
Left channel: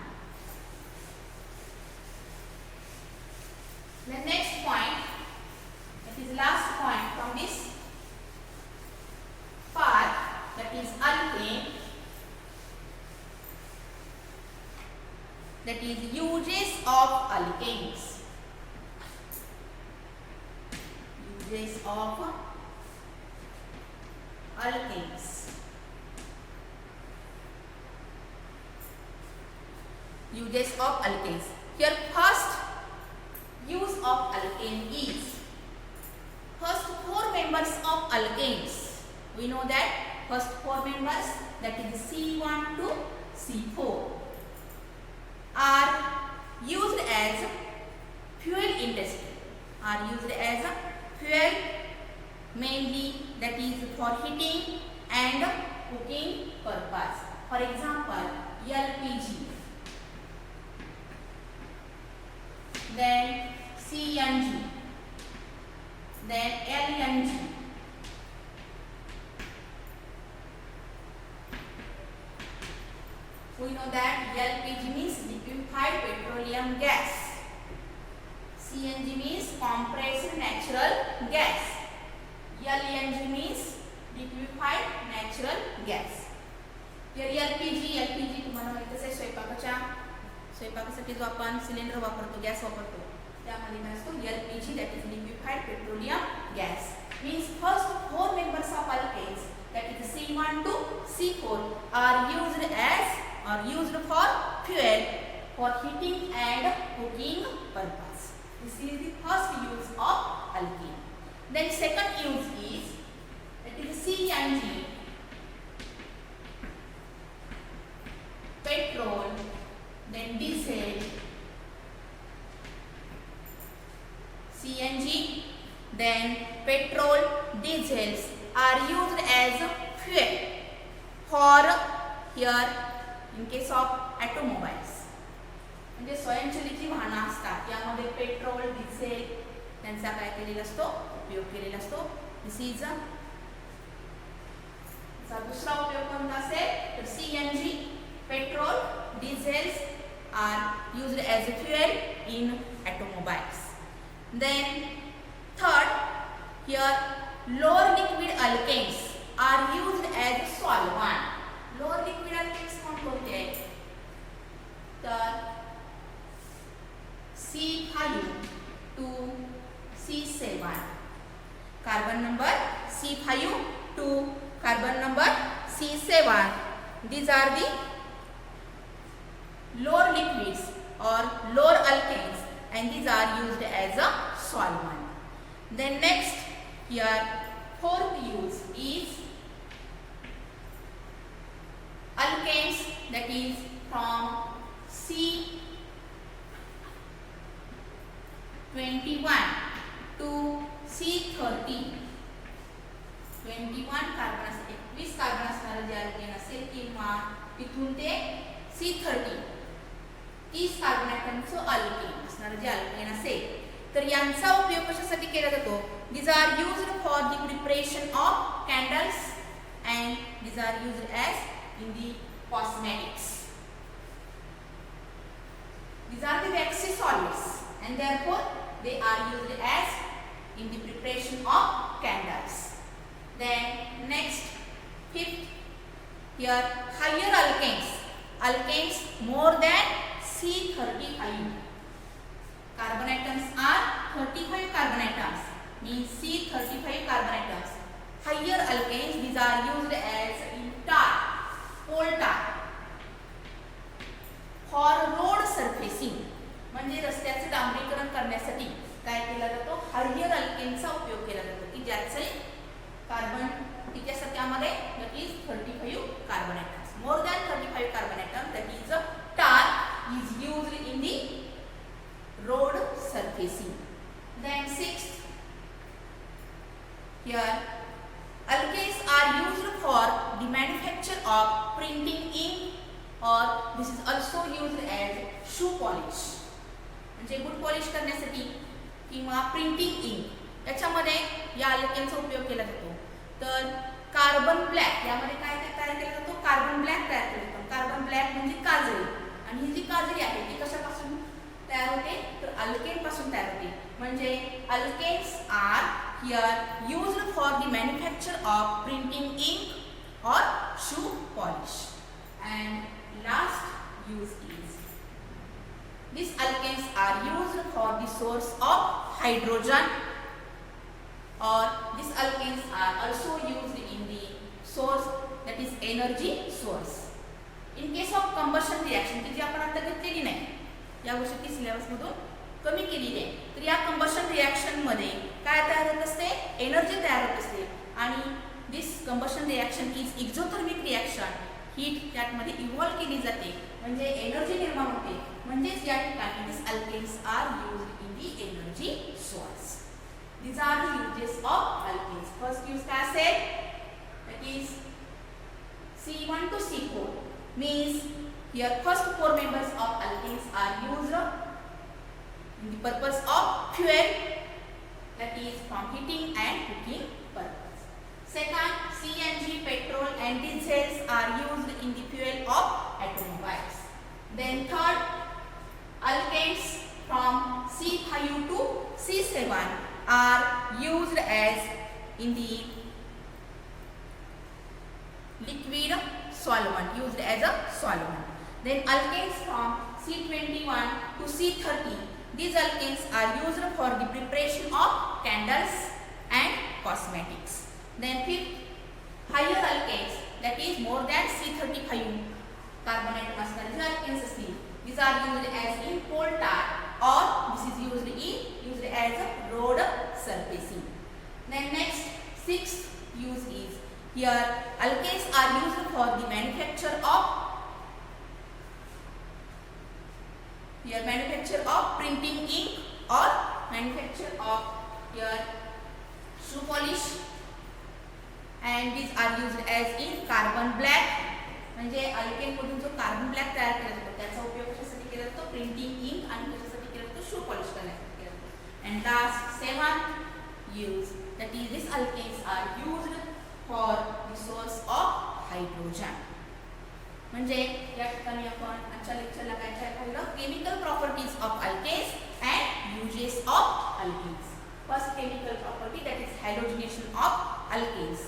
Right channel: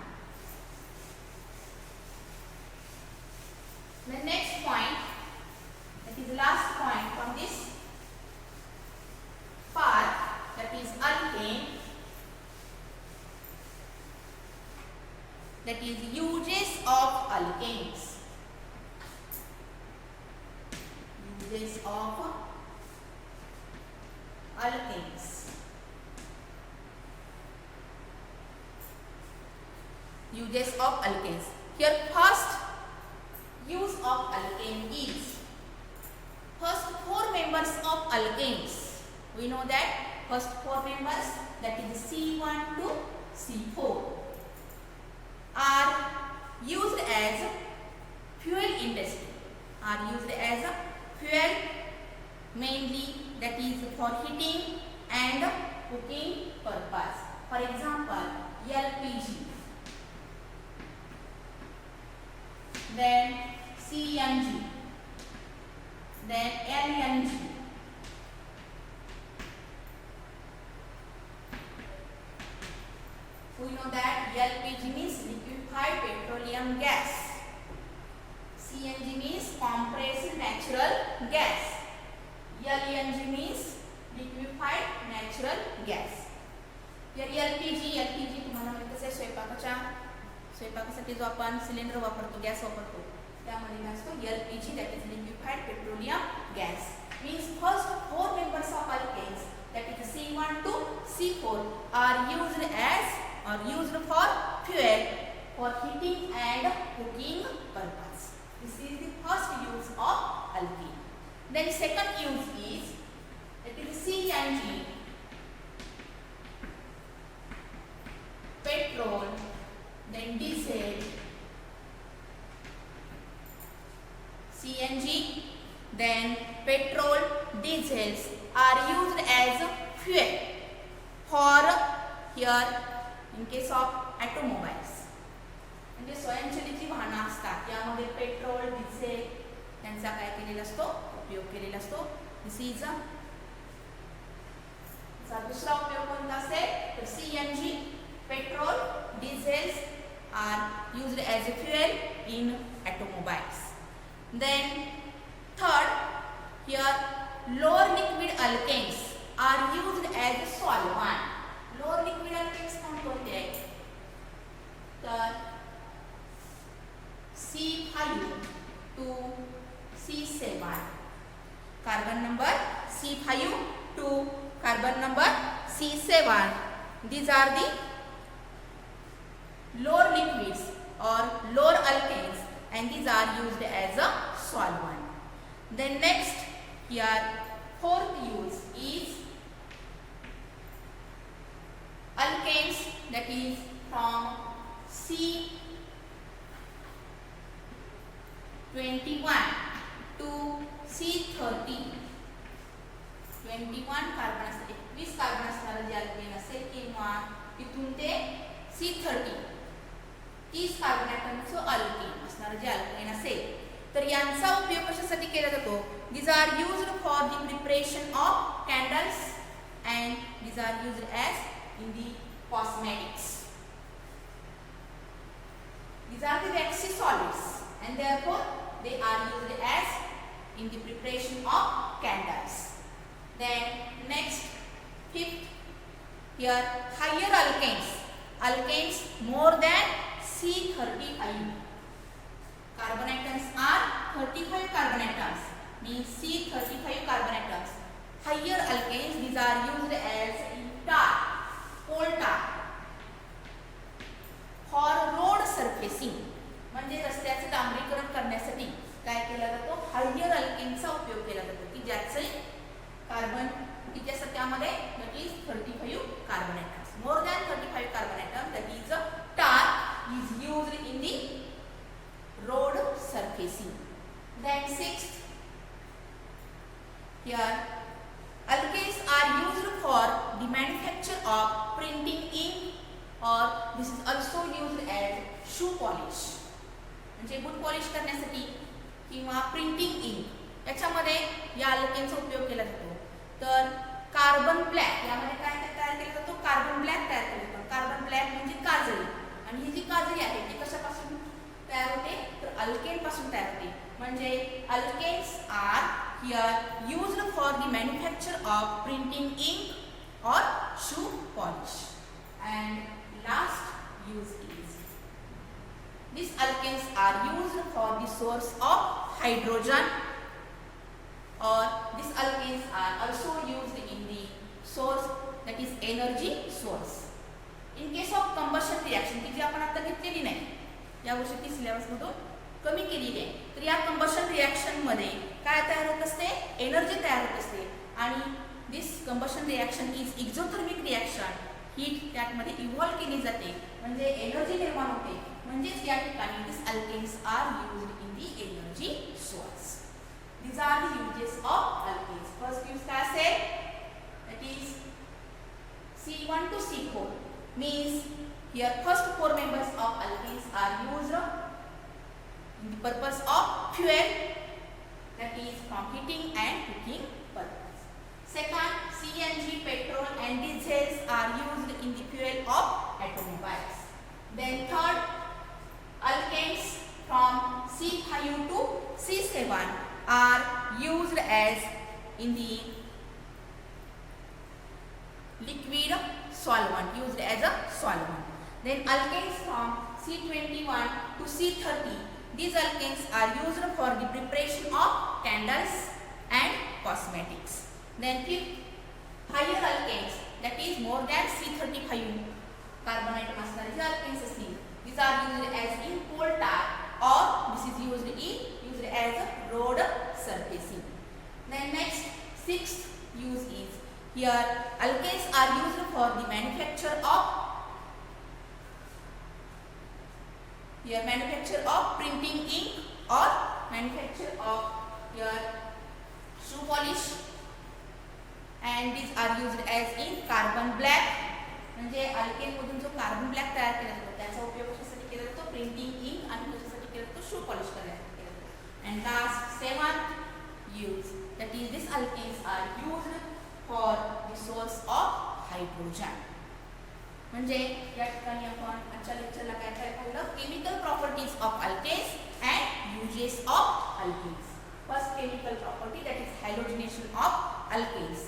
The next point, that is last point from this part, that is alkane, that is uses of alkanes. Uses of alkanes. uses of alkanes. Here first use of alkane is first four members of alkanes. We know that first four members, that is C1 to C4, are used as fuel industry. Are used as fuel mainly, that is for heating and cooking purpose. For example, LPG, then CNG, then LNG, we know that LPG means liquefied petroleum gas, CNG means compressed natural gas, LNG means liquefied natural gas. Here LPG तुम्हाला माहितीच आहे, स्वयंपाकासाठी जो आपण cylinder वापरतो, gas वापरतो, त्यामध्ये काय असतो LPG, that is liquefied petroleum gas. Means first four members of alkanes, that is C1 to C4, are used for fuel for heating and cooking purpose. This is the first use of alkane. Then second use is, that is CNG, petrol, then diesel, CNG, then petrol, diesels are used as fuel for, here in case of automobiles, म्हणजे स्वयंचलित जी वाहनं असतात यामध्ये petrol, diesel यांचा काय केलेला असतो, उपयोग केलेला असतो. दिस इज दुसरा उपयोग कोणता असेल तर CNG, petrol, diesels are used as a fuel in automobiles. Then third, here lower liquid alkanes are used as a solvent. Lower liquid alkanes कोणते आहेत तर C5 to C7, carbon number C5 to carbon number C7. These are the lower liquids or lower alkanes, and these are used as a solvent. Then next, here fourth use is alkanes, that is from C21 to C30. 21 carbon असते, 20 carbon असणारे जे alkane असेल किंवा तिथून ते C30 30 carbon ॲटमचं alkane असणारे जे alkane असेल तर यांचा उपयोग कशासाठी केला जातो. These are used for the preparation of candles and these are used as in the cosmetics. These are the waxy solids and therefore they are used as in the preparation of candles. Then next, fifth, here higher alkanes more than C35. Carbon atoms are 35 carbon atoms, means C35 carbon atoms. Higher alkanes, these are used as in tar, coal tar, for road surfacing. म्हणजे रस्त्याचे डांबरीकरण करण्यासाठी काय केला जातो, higher अल्केनचा उपयोग केला जातो की ज्याचे कार्बन किती असतात त्यामध्ये, that is 35 carbon atoms. More than 35 carbon atom, that is tar is used in the road surfacing. Then sixth, here alkanes are used for the manufacture of printing ink or this is also used as shoe polish. म्हणजे boot polish करण्यासाठी किंवा printing ink याच्यामध्ये या अल्केनचा उपयोग केला जातो. तर carbon black यामध्ये काय तयार केला जातो, कार्बन ब्लॅक तयार केला जातो. कार्बन ब्लॅक म्हणजे काजळी, आणि ही जी काजळी आहे ती कशापासून तयार होते तर अल्केन पासून तयार होते. म्हणजे alkanes are here used for the manufacture of printing ink और shoe polish. And last use is these alkanes are used for the source of hydrogen or these alkanes are also used in the source, that is energy source. In in case of combustion reaction की जी आपण आता घेतलेली नाही, या वर्षी ती सिलेबसमधून कमी केलेली आहे, तर या कंबशन रिॲक्शनमध्ये काय तयार होत असते, एनर्जी तयार होत असते. आणि this combustion reaction is exothermic reaction. Heat त्यामध्ये इव्हॉल्व केली जाते, म्हणजे एनर्जी निर्माण होते. म्हणजेच या ठिकाणी this alkanes are used in the energy source. These are the uses of alkenes. First use काय असेल, that is C1 to C4 means here first four members of alkenes are used in the purpose of fuel, that is from heating and cooking purpose. Second, CNG, petrol and diesels are used in the fuel of automobiles. Then third, alkenes from C5 to C7 are used as in the liquid solvent, used as a solvent. Then alkanes from C21 to C30, these alkanes are used for the preparation of candles and cosmetics. Then fifth, higher alkanes, that is more than C35 carbon atom असणारे alkanes असतील, these are used as in coal tar or this is used as a road surfacing. Then next, sixth use is here alkanes are used for the manufacture of printing ink or manufacture of here shoe polish, and these are used as in carbon black. म्हणजे alkane मधून जो carbon black तयार केला जातो त्याचा उपयोग कशासाठी केला जातो, प्रिंटिंग इंक आणि कशासाठी केला जातो, शू पॉलिश करण्यासाठी केला जातो. And last seventh use, that is these alkanes are used for the source of hydrogen. म्हणजे या ठिकाणी आपण आजच्या लेक्चरला काय काय पाहिलं, chemical properties of alkanes and uses of alkanes. First chemical property that is halogenation of alkanes.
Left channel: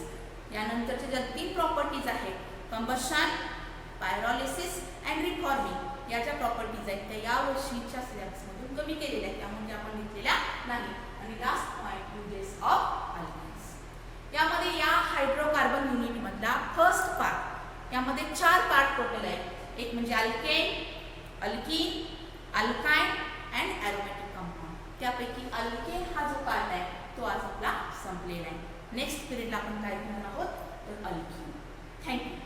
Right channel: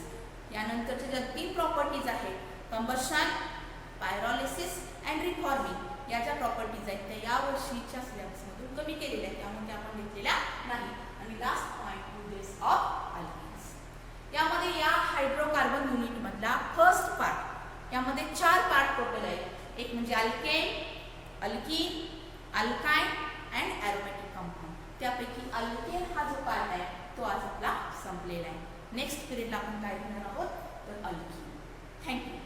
यानंतरच्या ज्या तीन प्रॉपर्टीज आहेत, कंबशन, पायरोलिसिस अँड रिफॉर्मिंग, या ज्या प्रॉपर्टीज आहेत त्या या वर्षीच्या सिलेबसमधून कमी केलेल्या आहेत, त्यामुळे आपण घेतलेल्या नाही. आणि last point, uses of alkanes. यामध्ये या हायड्रोकार्बन युनिट मधला फर्स्ट पार्ट, यामध्ये 4 पार्ट टोटल आहेत. एक म्हणजे alkane, alkene, alkyne and aromatic compound. त्यापैकी अल्केन हा जो पार्ट आहे तो आज आपला संपलेला आहे. नेक्स्ट पिरियड आपण काय घेणार आहोत, तर अल्कीन. थँक्यू.